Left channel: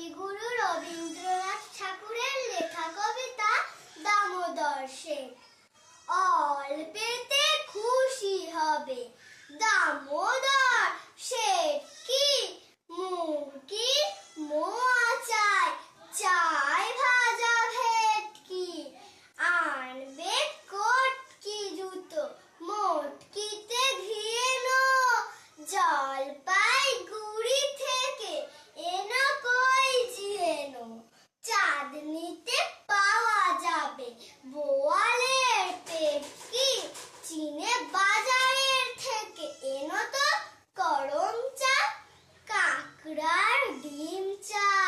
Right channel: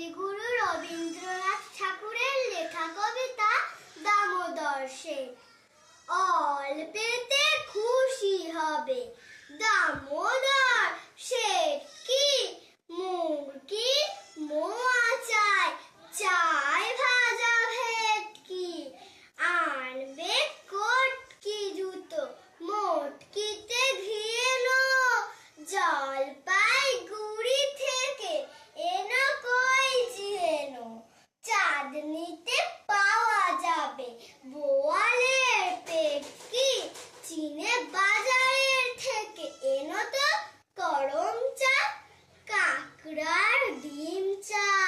কবিগুরু রবীন্দ্রনাথ ঠাকুরের লেখা কবিতা দামোদর সেন অল্পেতে খুশি হবে দামোদর চাঁদনিতে পাওয়া যাবে। বোয়ালের পেপকি চিনে বাজারের থেকে। এনো তো করম চা কাঁকড়ার ডিম চা